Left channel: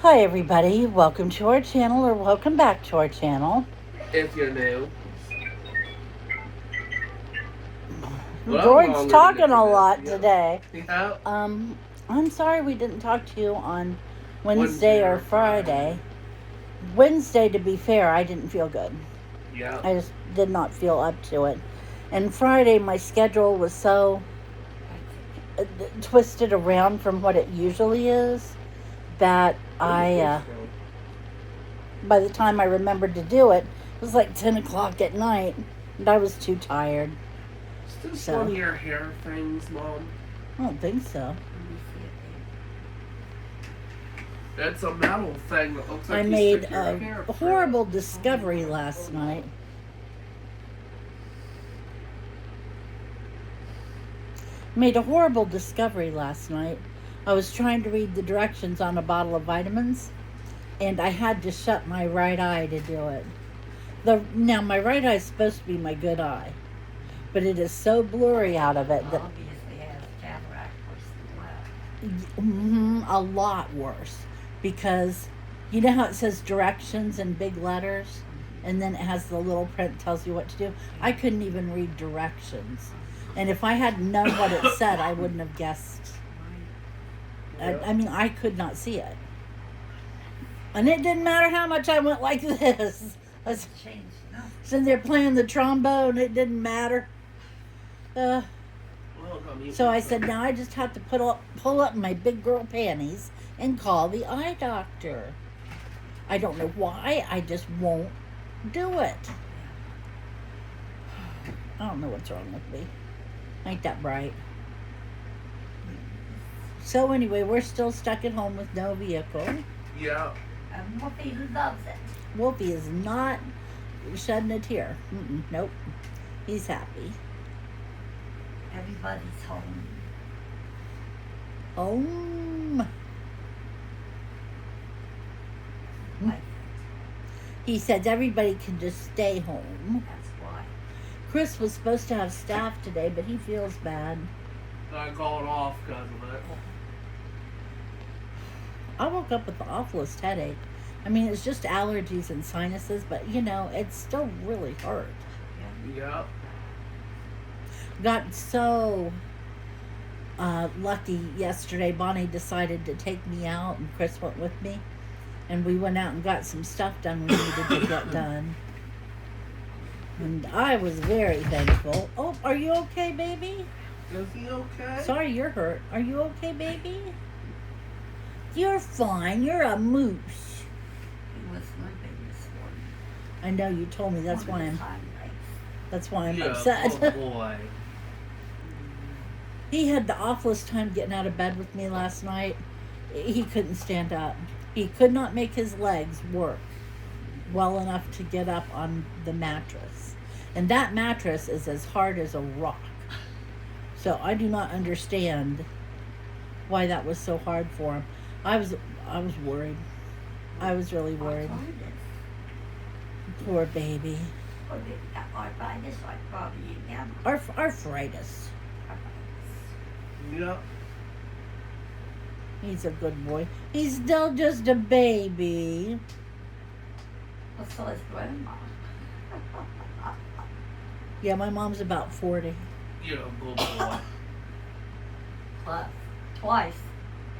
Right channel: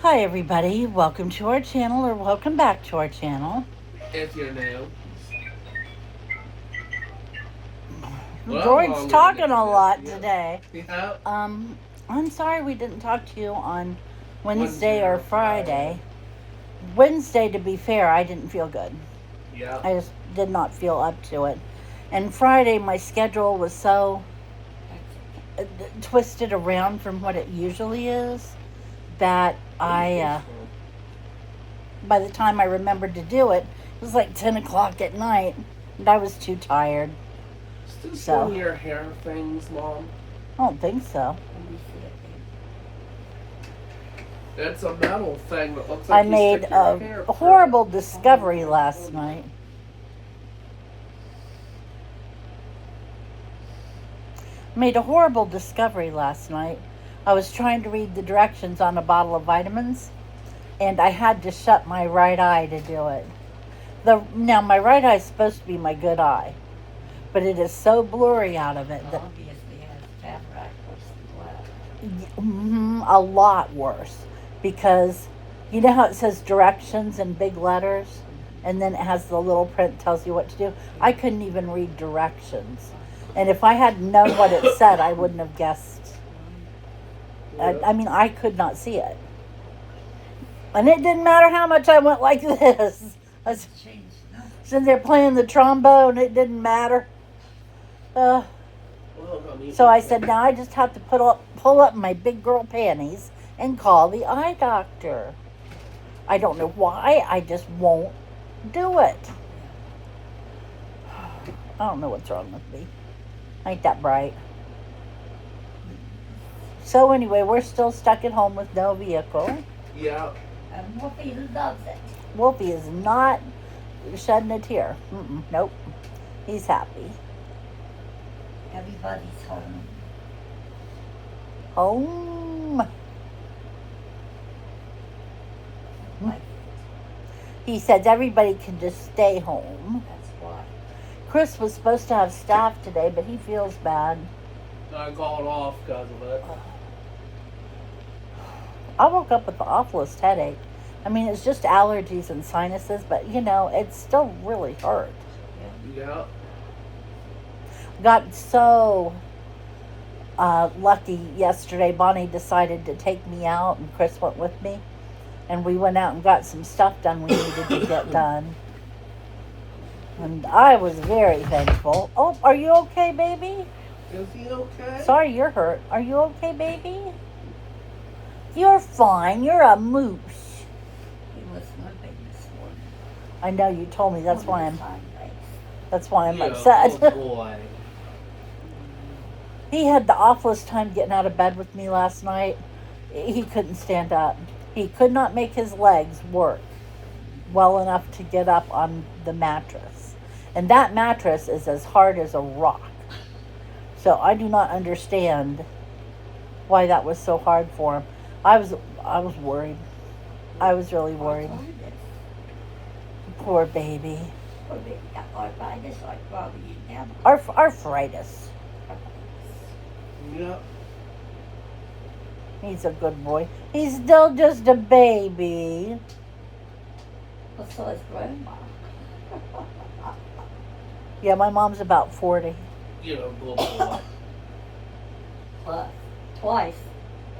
Hi everybody, welcome to our channel or welcome back to our channel. If you're new. Well, I'm George's longer than talking the a lot yeah. today. Yeah. I'm sorry we didn't talk to you on Wednesday Wednesday or or Friday. Friday. Wednesday, to be fair, I didn't feel good. Yeah. I just did not feel up to it. And Friday, my schedule was so twisted around from what it usually is that by the time I remembered to do it, it was like 10 o'clock at night, and I was too tired. Still So, one of your hair things, Mom? I don't think so. It's a metal thing that looks like I you made stick your hair a horrible discovery last night. Made a horrible discovery last night. I was trying to read the directions on a bottle of vitamins, and I had to shut my right eye to do it. Now my right eye is supposed to be my good eye, but it is so blurry out of it that obviously has cataract worse a lot worse, because you know how it says directions in big letters, and then it has the little print that tells you what to do. I couldn't even read directions, and if I had known what it said, I wouldn't have guessed. I mean, I could not see it, and it didn't matter how much I went like this. I was sitting there playing the trombone. It didn't matter. So I said, now I just have to pull up my big girl panties and call the eye doctor. I don't know why. I just won't do it. I don't know what's wrong with me. I ain't that bright. So anyway, we're still stuck at home with no vehicle. Yeah. And Wolfie loves it. Wolfie is not shedding a tear. Nope. He's happy. Everybody's home. Home. He says everybody can just stay home. That's why. Chris was supposed to have staff today, but he feels bad. I called off because of it. I woke up with the awfulest headache. I mean, it's just allergies and sinuses, but you know, it still really hurt. Yeah. Got so lucky yesterday. Bonnie decided to take me out, and Chris went with me. And we went out and got some stuff done we needed to get done. And I was very thankful. Oh, are you okay, baby? Is he okay? Sorry, you're hurt. Are you okay, baby? You're fine. You're a moose. He was limping this morning. I know you told me. That's why I'm Yeah, upset. Oh boy. He had the awfulest time getting out of bed with me last night. He couldn't stand up. He could not make his legs work well enough to get up on the mattress. And that mattress is as hard as a rock. So I do not understand why that was so hard for him. I was worried. I was really worried. Poor baby. Arthritis. Yep. He's a good boy. He's still just a baby. Well, so is Grandma. Yeah, my mom's about 40. You're a good boy. Plus, twice.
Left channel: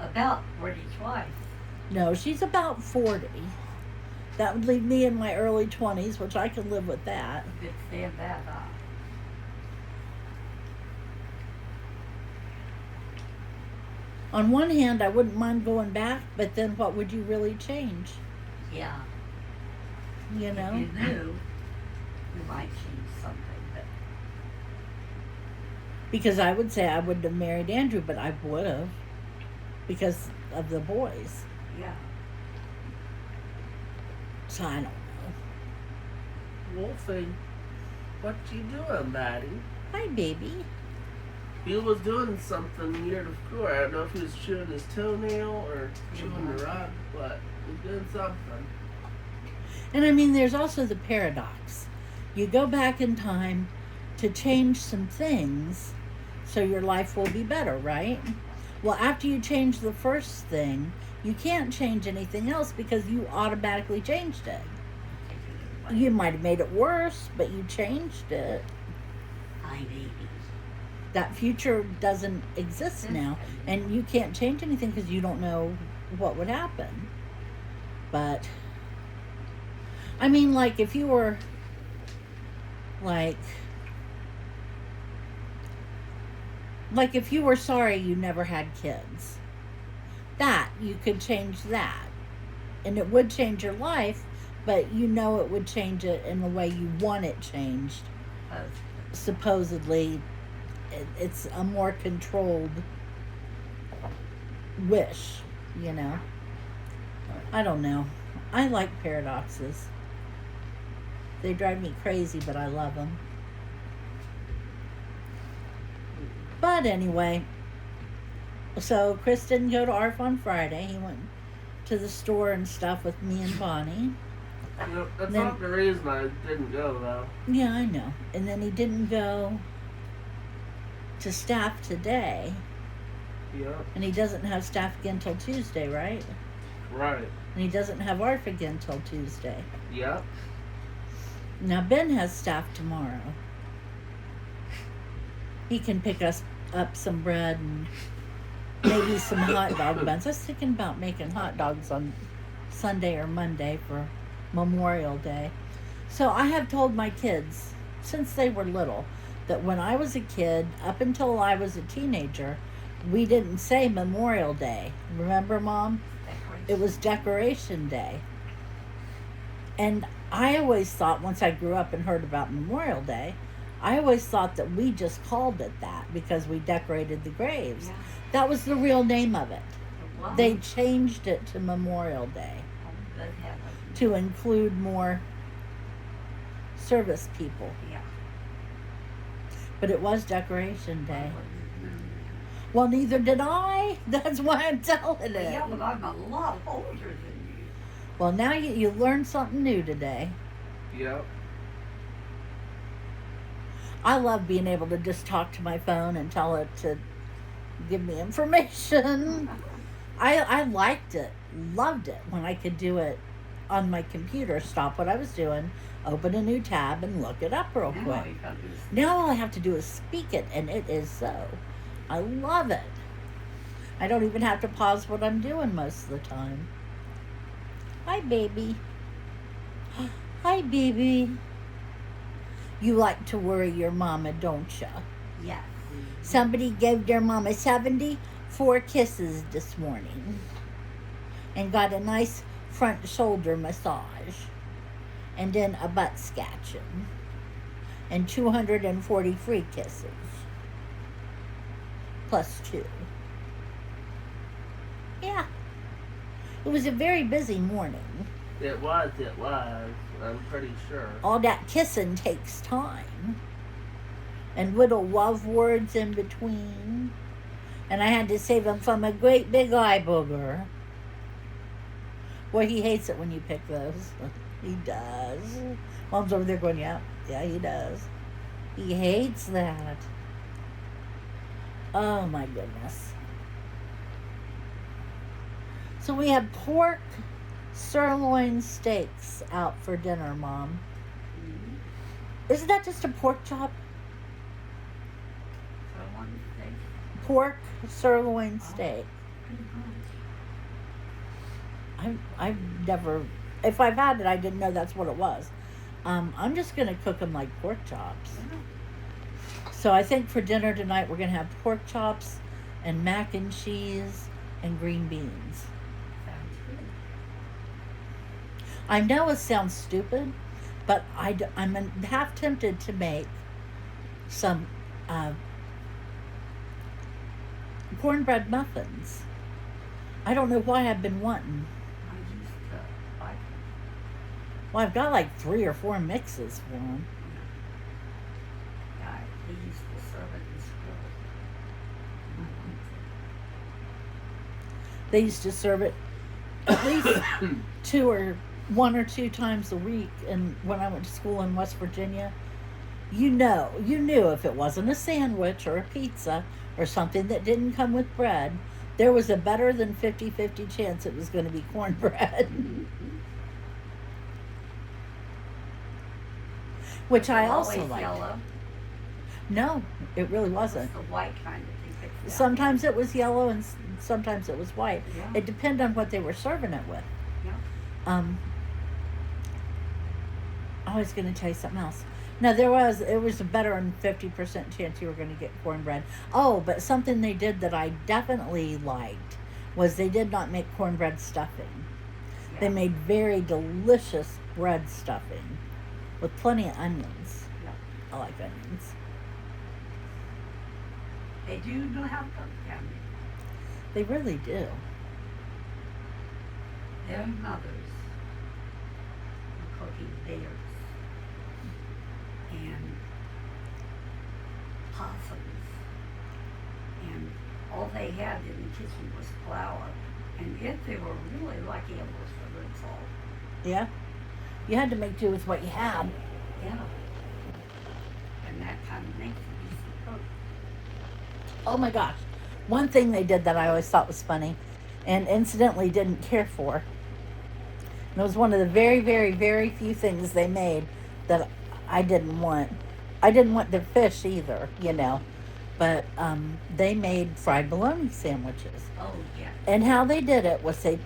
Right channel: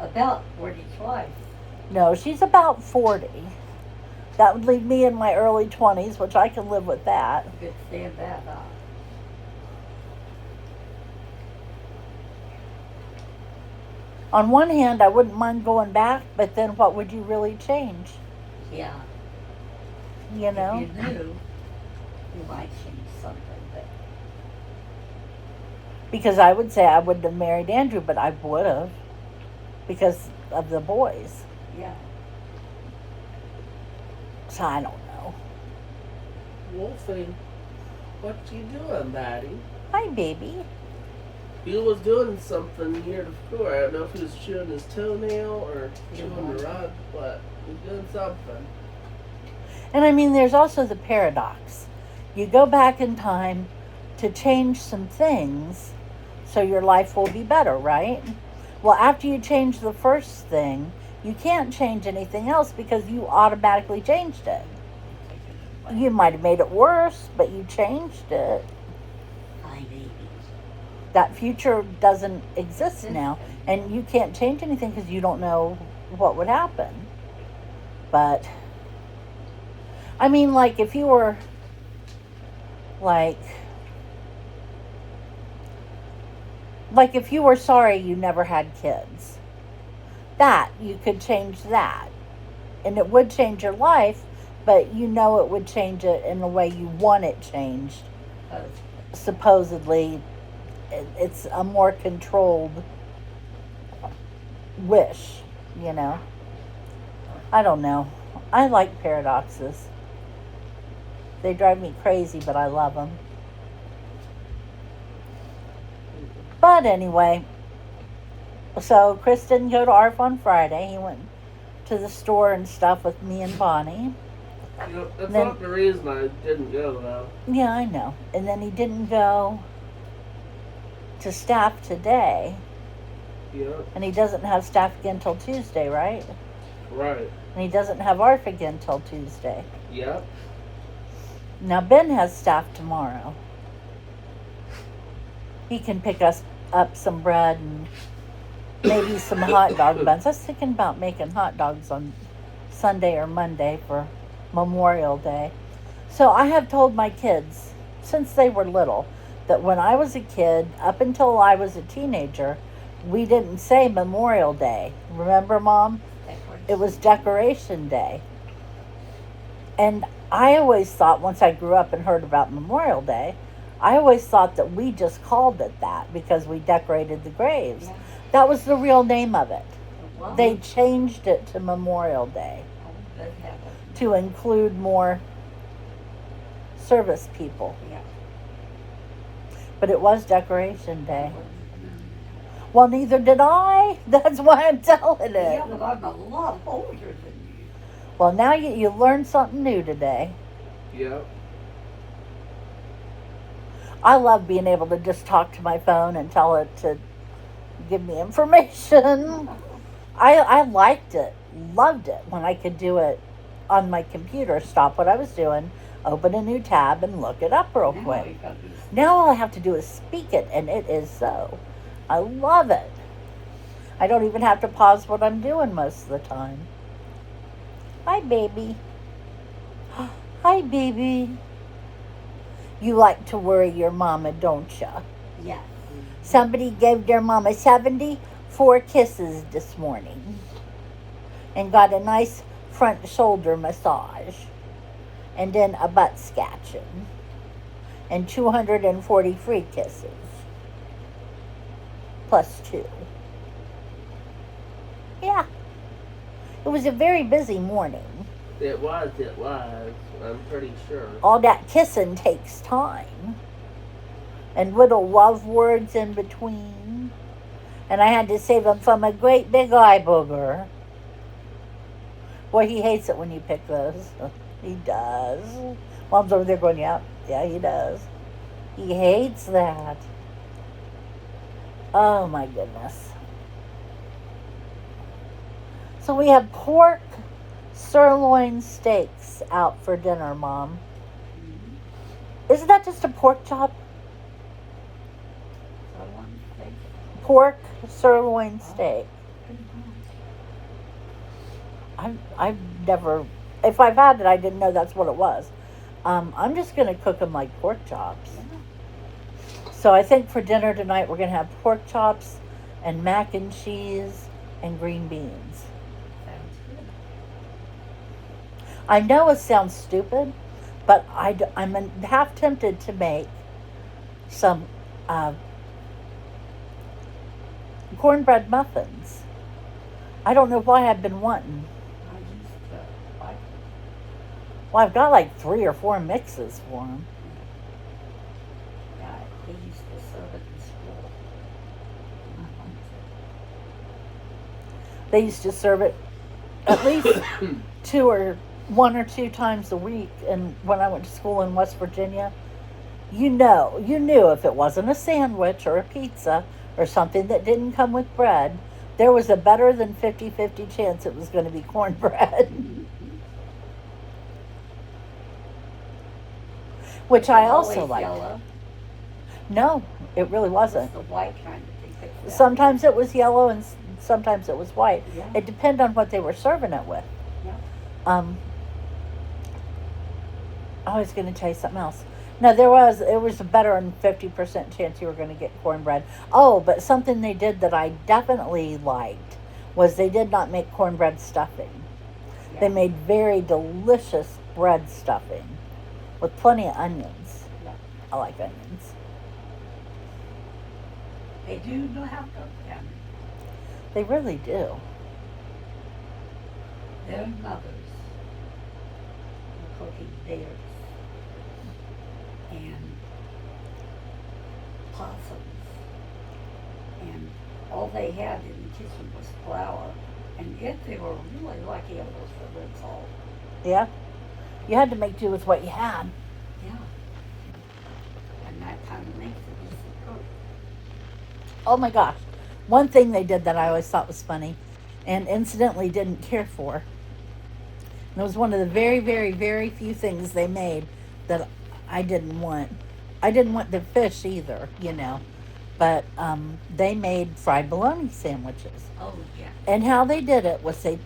About 40 twice. No, she's about 40. That would leave me in my early 20s, which I can live with that. You could stand that up. On one hand, I wouldn't mind going back, but then what would you really change? Yeah. You know? If you knew, you might change something, but Because I would say I wouldn't have married Andrew, but I would have. Because of the boys. yeah. So I don't know. Wolfie, what you doing, Daddy? Hi, baby. He was doing something near the floor. I don't know if he was chewing his toenail or chewing the rug, but he's doing something. And I mean, there's also the paradox. You go back in time to change some things so your life will be better, right? Well, after you change the first thing, You can't change anything else because you automatically changed it. You might have made it worse, but you changed it. Hi, baby. That future doesn't exist now, and you can't change anything because you don't know what would happen. But I mean, like, if you were like if you were sorry you never had kids, that you could change that, and it would change your life, but you know it would change it in the way you want it changed. Supposedly it's a more controlled wish, you know. I don't know. I like paradoxes. They drive me crazy, but I love them. But anyway, so Chris didn't go to ARF on Friday. He went to the store and stuff with me and Bonnie. No, that's not the reason I didn't go, though. Yeah, I know. And then he didn't go to staff today. Yeah. And he doesn't have staff again till Tuesday, right? Right. And he doesn't have ARF again till Tuesday. Yep. Now Ben has staff tomorrow. He can pick us up some bread and maybe some hot dog buns. I was thinking about making hot dogs on Sunday or Monday for Memorial Day. So I have told my kids since they were little that when I was a kid, up until I was a teenager, we didn't say Memorial Day. Remember, Mom? It was Decoration Day. And I always thought, once I grew up and heard about Memorial Day, I always thought that we just called it that because we decorated the graves. Yeah. That was the real name of it. Well, They changed it to Memorial Day good heavens. to include more service people. Yeah. But it was Decoration Day. Well, neither did I. That's why I'm telling it. Yeah, but I'm a lot older than you. Well, now you learned something new today. Yep. I love being able to just talk to my phone and tell it to give me information. I liked it, loved it when I could do it on my computer, stop what I was doing, open a new tab, and look it up real quick. Now all I have to do is speak it, and it is so. I love it. I don't even have to pause what I'm doing most of the time. Hi, baby. Hi, baby. You like to worry your mama, don't ya? Yeah. Somebody gave their mama 74 kisses this morning and got a nice front shoulder massage and then a butt scratching and 240 free kisses plus 2. Yeah. It was a very busy morning. It was. I'm pretty sure. All that kissing takes time. And little love words in between. And I had to save him from a great big eye booger. Boy, he hates it when you pick those. He does. Mom's over there going, yeah, he does. He hates that. Oh, my goodness. So we have pork sirloin steaks out for dinner, Mom. Mm-hmm. Isn't that just a pork chop? So one thing. Pork sirloin steak. I've never, if I've had it, I didn't know that's what it was. I'm just going to cook them like pork chops. Yeah. So I think for dinner tonight we're going to have pork chops and mac and cheese and green beans. Sounds good. I know it sounds stupid, but I'm half tempted to make some cornbread muffins. I don't know why I've been wanting. I used to like it. Well, I've got like 3 or 4 mixes for them. Yeah, they used to serve it in school. I liked it. They used to serve it at least 1 or 2 times a week. And when I went to school in West Virginia, you knew if it wasn't a sandwich or a pizza or something that didn't come with bread, there was a better than 50-50 chance it was going to be cornbread. Which I also Always liked. yellow. No, it really wasn't. The white kind that they fixed. Sometimes it was yellow and sometimes it was white. Yeah. It depended on what they were serving it with. Yeah. I was going to tell you something else. No, it was a better than 50% chance you were going to get cornbread. Oh, but something they did that I definitely liked was they did not make cornbread stuffing. Yeah. They made very delicious bread stuffing with plenty of onions. Yeah. I like onions. They do know how to cook down They really do. there. Their mothers were cooking bears and possums, and all they had in the kitchen was flour. And if they were really lucky, it was for good salt. Yeah. You had to make do with what you had. Yeah. And that kind of makes it easy to cook. Oh my gosh. One thing they did that I always thought was funny and incidentally didn't care for. And it was one of the very, very, very few things they made that I didn't want. I didn't want their fish either, you know. But they made fried bologna sandwiches. Oh, yeah. And how they did it was they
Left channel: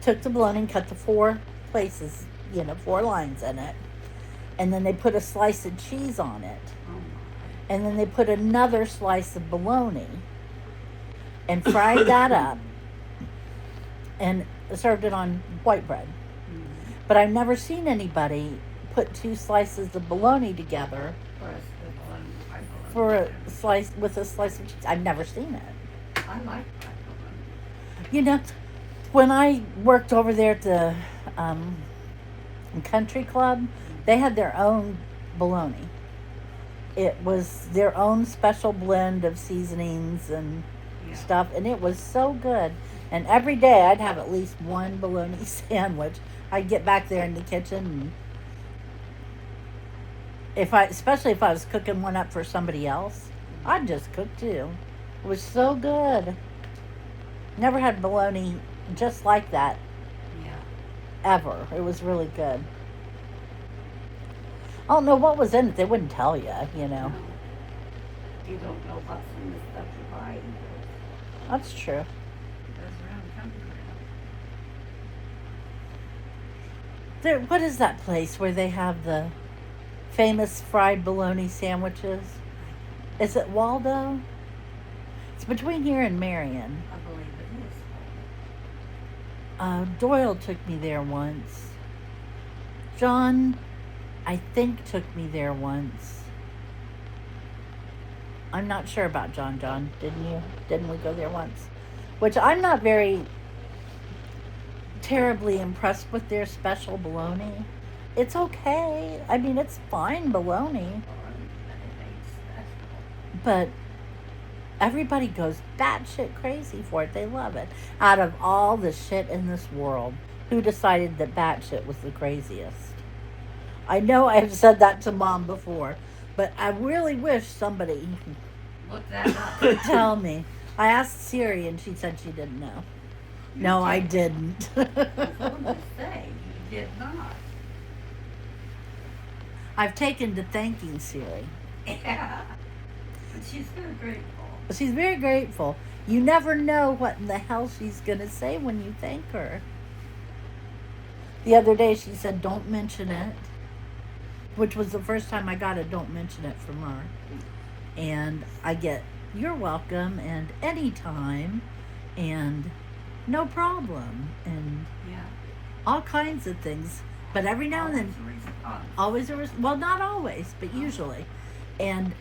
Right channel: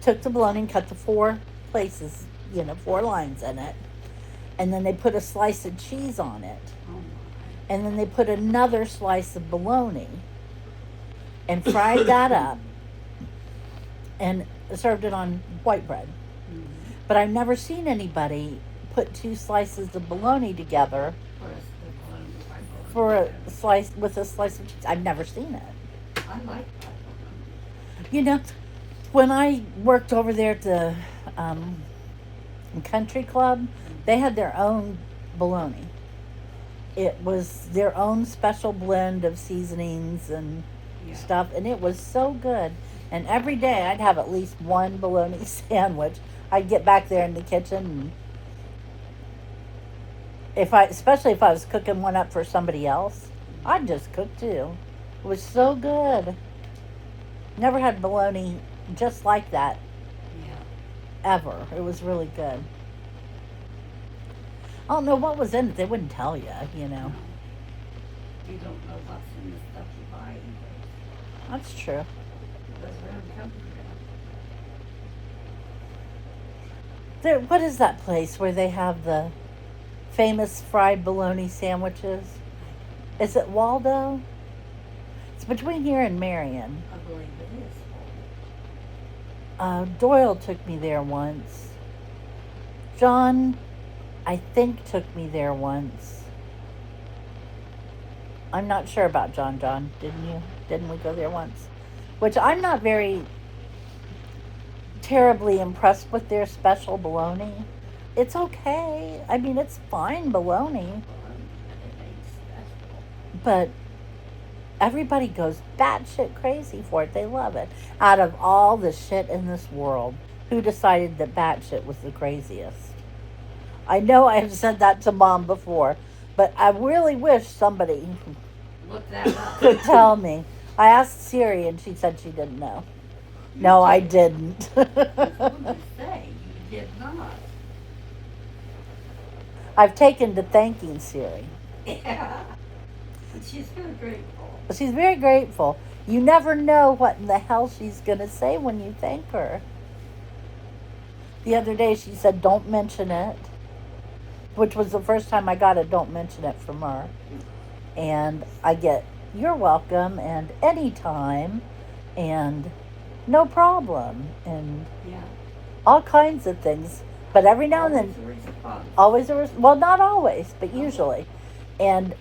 took the bologna and cut the 4 places, 4 lines in it. And then they put a slice of cheese on it. Oh, my. And then they put another slice of bologna and fried that up and served it on white bread. Mm-hmm. But I've never seen anybody put 2 slices of bologna together for a slice with a slice of cheese. I've never seen it. I like that one. You know, when I worked over there at the country club, they had their own bologna. It was their own special blend of seasonings and stuff, and it was so good. And every day I'd have at least one bologna sandwich. I'd get back there in the kitchen, and especially if I was cooking one up for somebody else, I'd just cook too. It was so good. Never had bologna just like that ever. It was really good. I don't know what was in it. They wouldn't tell you, you know. No. You don't know what's in the stuff you buy. That's true. It goes around the country. What is that place where they have the famous fried bologna sandwiches? Is it Waldo? It's between here and Marion. I believe it is. Doyle took me there once. John, I think, took me there once. I'm not sure about John. John, didn't you? Didn't we go there once? Which I'm not very terribly impressed with their special bologna. It's okay. I mean, it's fine bologna. But everybody goes batshit crazy for it. They love it. Out of all the shit in this world, who decided that batshit was the craziest? I know I've said that to Mom before, but I really wish somebody Look that up. could tell me. I asked Siri and she said she didn't know. No, I didn't. I was going to say, you did not. I've taken to thanking Siri. Yeah. But she's very grateful. She's very grateful. You never know what in the hell she's going to say when you thank her. The other day she said, don't mention it, which was the first time I got a don't mention it from her. And I get, you're welcome, and anytime, and no problem, and all kinds of things. But every now and then, well, not always, but usually. And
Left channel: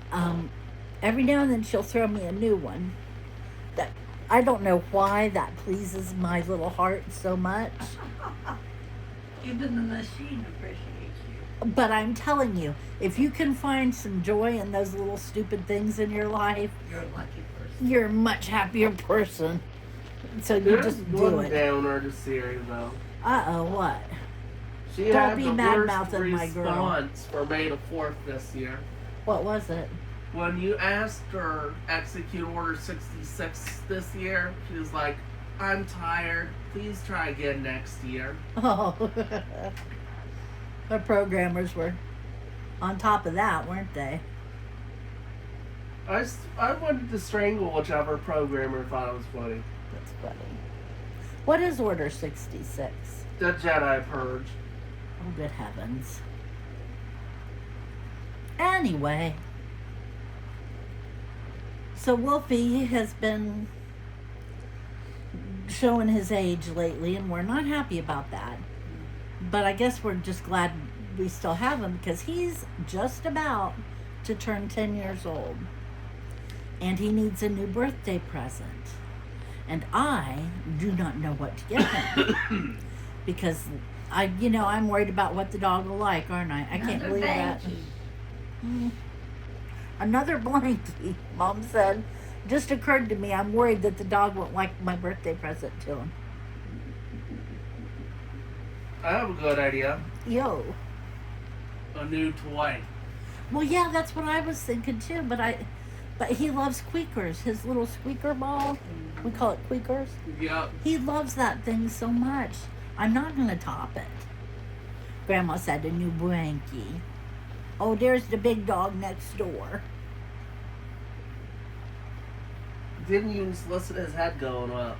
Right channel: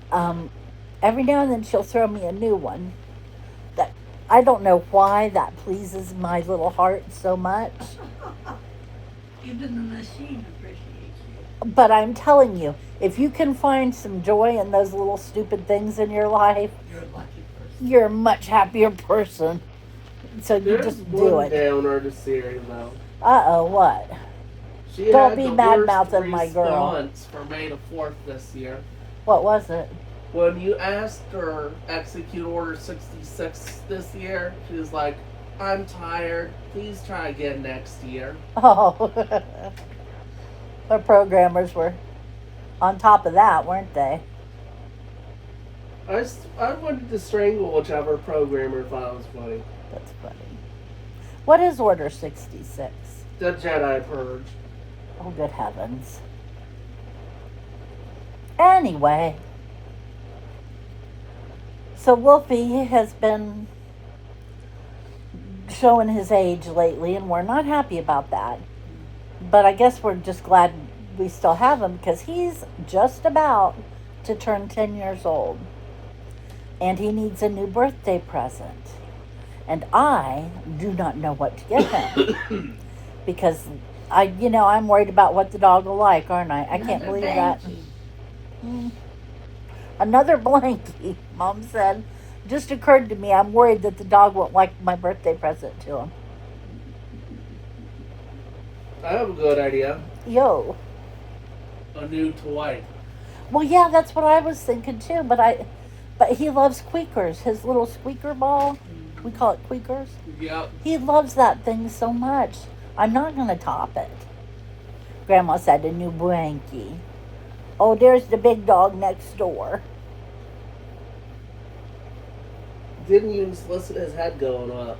every now and then she'll throw me a new one. That I don't know why that pleases my little heart so much. Even the machine appreciates you. But I'm telling you, if you can find some joy in those little stupid things in your life, You're a lucky person. you're a much happier person. So you There's just do one it. downer to Siri though. Uh-oh, what? She Don't had be the mad worst mouthing my girl. response for May the 4th this year. What was it? When you asked her execute order 66 this year, she was like, I'm tired. Please try again next year. Oh, our programmers were on top of that, weren't they? I wanted to strangle whichever programmer thought it was funny. That's funny. What is Order 66? The Jedi Purge. Oh, good heavens. Anyway, so Wolfie has been showing his age lately, and we're not happy about that. But I guess we're just glad we still have him because he's just about to turn 10 years old. And he needs a new birthday present. And I do not know what to get him. Because I'm worried about what the dog will like, aren't I? I can't believe that. Another blankie, Mom said. Just occurred to me, I'm worried that the dog won't like my birthday present to him. I have a good idea. Yo. A new toy. Well, yeah, that's what I was thinking too, but he loves squeakers. His little squeaker ball, we call it squeakers. Yep. He loves that thing so much. I'm not going to top it. Grandma said a new blankie. Oh, there's the big dog next door. Didn't even solicit his head going up.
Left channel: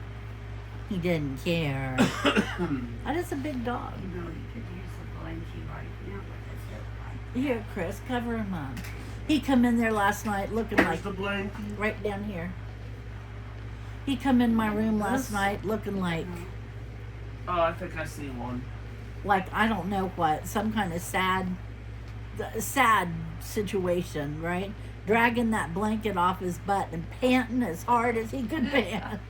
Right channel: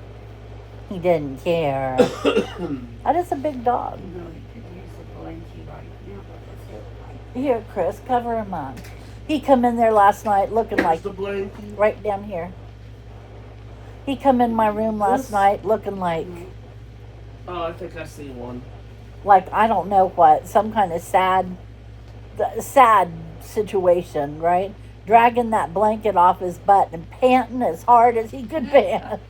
He didn't care. That is a big dog. You know, he could use a blankie right now, but that's it. Here, Chris, cover him up. He come in there last night looking like the blankie. right down here. He come in my room last night looking like Oh, I think I see one. I don't know what, some kind of sad situation, right? Dragging that blanket off his butt and panting as hard as he could pant.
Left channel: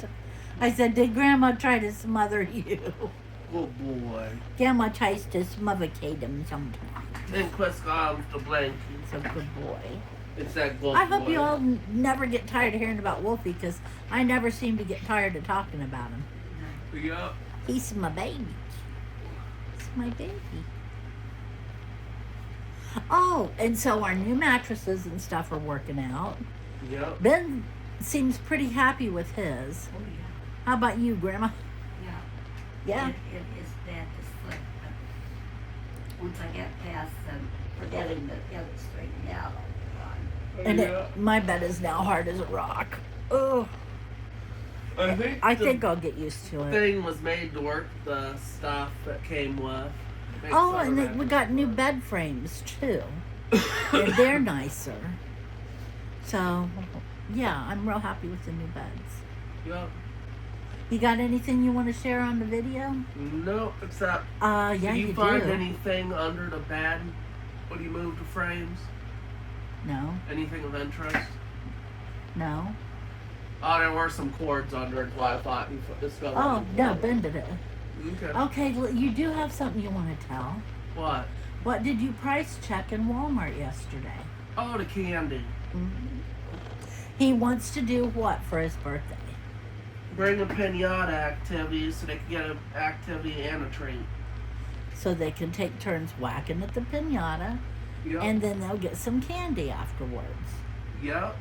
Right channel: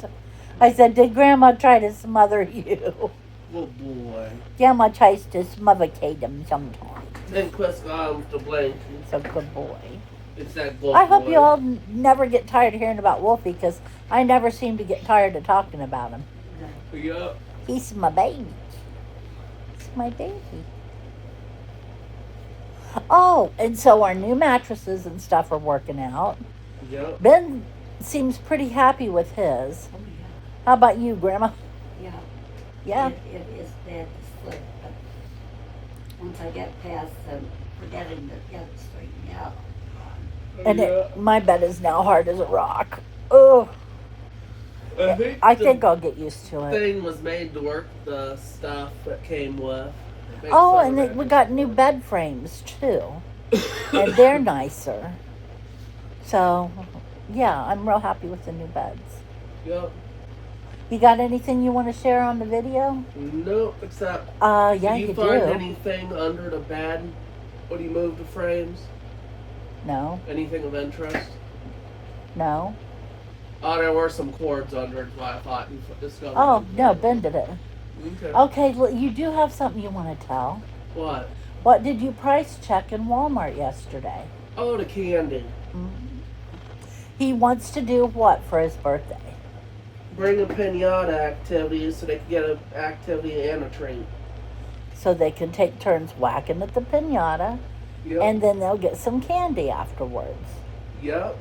I said, did Grandma try to smother you? Good boy. Grandma tries to smothercate him sometimes. Then Chris got him with the blankie. It's a good boy. It's that good I boy. hope you all never get tired of hearing about Wolfie, because I never seem to get tired of talking about him. Yep. He's my baby. He's my baby. Oh, and so our new mattresses and stuff are working out. Yep. Ben seems pretty happy with his. Oh, yeah. How about you, Grandma? Yeah. Yeah. It is bad to sleep, but once I get past forgetting to get it straightened out, I'll be fine. And my bed is now hard as a rock. Oh, I think I'll get used to it. Thing was made to work the stuff that came with. Oh, and we got new bed frames too, and they're nicer. So, yeah, I'm real happy with the new beds. Yep. You got anything you want to share on the video? Nope, except. Yeah, Did you you find do. anything under the bed when you moved the frames? No, Anything of interest? no. Oh, there were some cords under it, so I thought you discovered. Oh, them. no, Ben did it. Okay. Okay, you do have something you want to tell. What? What did you price check in Walmart yesterday? Oh, the candy. Mm-hmm. He wants to do what for his birthday? Bring a pinata activity so they can get an activity and a treat. So they can take turns whacking at the piñata, Yep. and then they'll get some candy afterwards. Yep.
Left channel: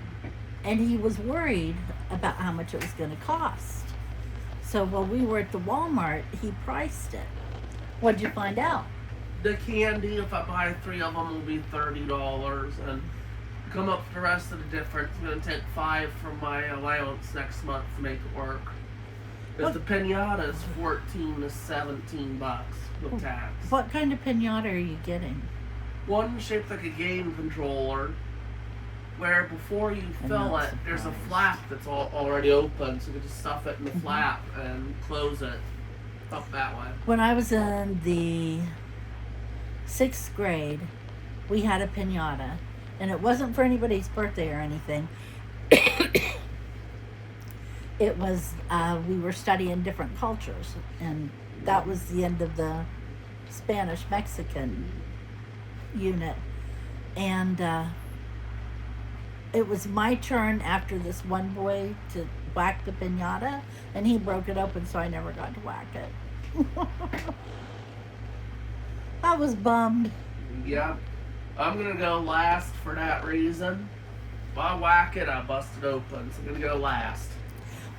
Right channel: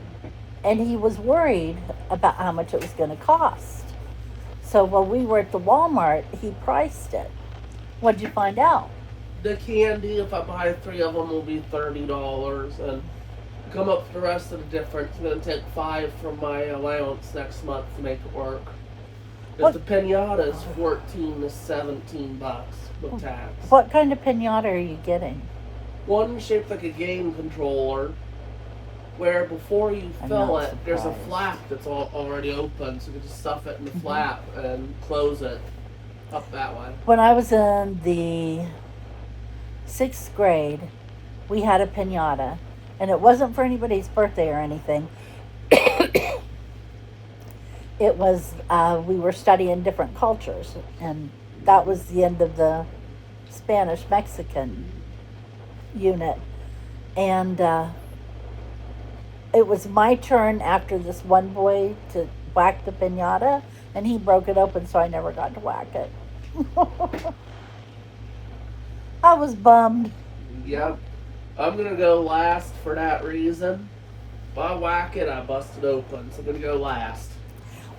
And he was worried about how much it was going to cost. So while we were at the Walmart, he priced it. What did you find out? The candy, if I buy 3 of them, will be $30, and come up with the rest of the difference. I'm going to take 5 from my allowance next month to make it work. Because the pinata is 14 to 17 bucks with tax. What kind of piñata are you getting? One shaped like a game controller, where before you I'm fill not it, there's a surprised. flap that's already open, so you can just stuff it in the flap and close it up that way. When I was in the 6th grade, we had a piñata, and it wasn't for anybody's birthday or anything. It was, we were studying different cultures, and that was the end of the Spanish-Mexican unit. And it was my turn after this one boy to whack the piñata, and he broke it open, so I never got to whack it. I was bummed. Yep. I'm gonna go last for that reason. If I whack it, I bust it open. So I'm gonna go last.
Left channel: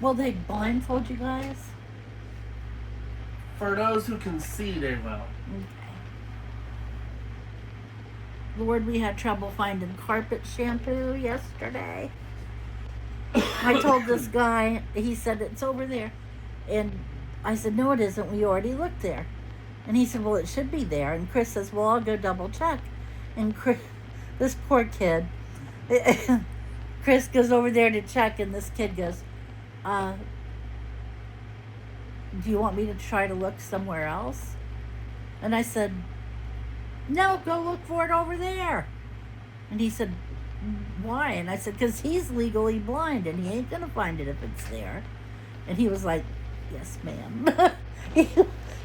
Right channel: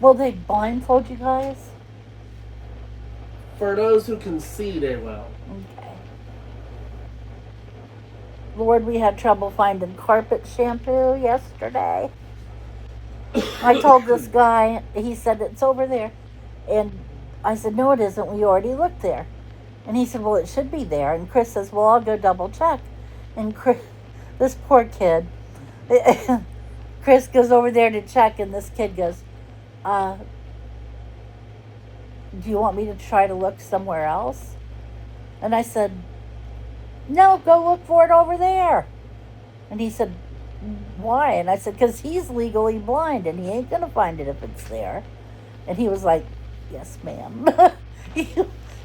Will they blindfold you guys? For those who can see, they will. Okay. Lord, we had trouble finding carpet shampoo yesterday. I told this guy, he said, it's over there. And I said, no, it isn't. We already looked there. And he said, well, it should be there. And Chris says, well, I'll go double check. And Chris, this poor kid, Chris goes over there to check, and this kid goes, do you want me to try to look somewhere else? And I said, no, go look for it over there. And he said, why? And I said, because he's legally blind and he ain't going to find it if it's there. And he was like, yes, ma'am. He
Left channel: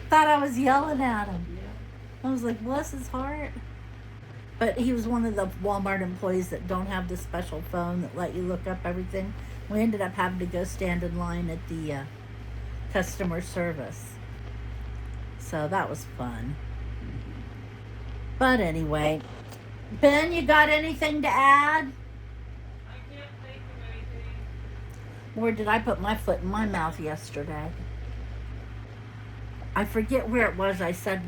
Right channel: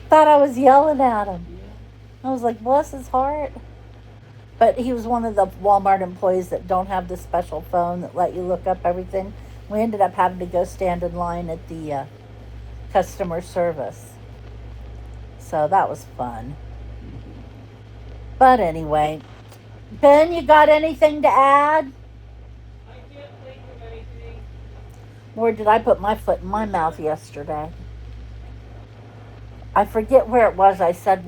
thought I was yelling at him. Yeah. I was like, bless his heart. But he was one of the Walmart employees that don't have the special phone that let you look up everything. We ended up having to go stand in line at the customer service. So that was fun. But anyway, Ben, you got anything to add? I can't think of anything. Where did I put my foot in my mouth yesterday? I forget where it was. I said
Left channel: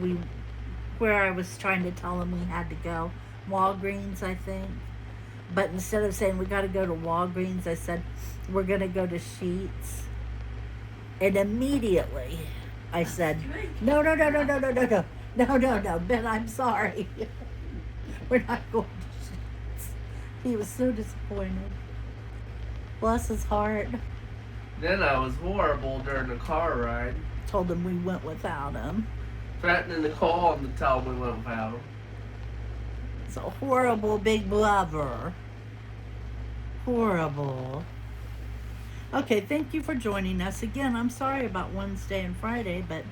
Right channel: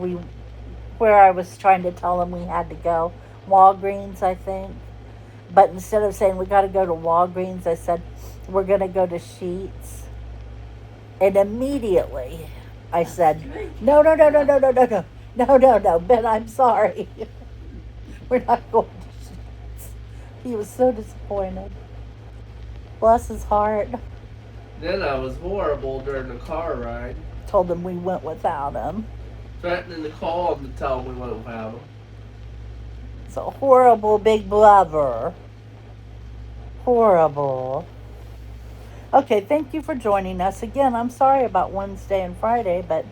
where I was trying to tell them we had to go. Walgreens, I think. But instead of saying we got to go to Walgreens, I said we're going to go to Sheets. And immediately I said, no, Ben, I'm sorry. We're not going to Sheets. He was so disappointed. Bless his heart. Then I was horrible during the car ride. Told him we went without him. Threatening to call him to tell him we went without him. It's a horrible big blubber. Horrible. Okay, thank you for joining us. Again, I'm sorry about Wednesday and Friday, but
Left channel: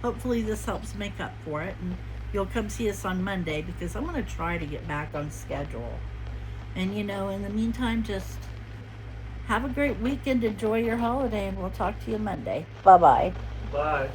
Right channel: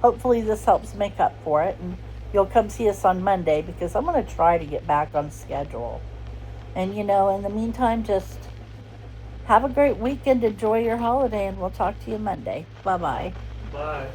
hopefully this helps make up for it. And you'll come see us on Monday because I'm going to try to get back on schedule. And, in the meantime, just have a great weekend. Enjoy your holiday, and we'll talk to you Monday. Bye-bye. Bye.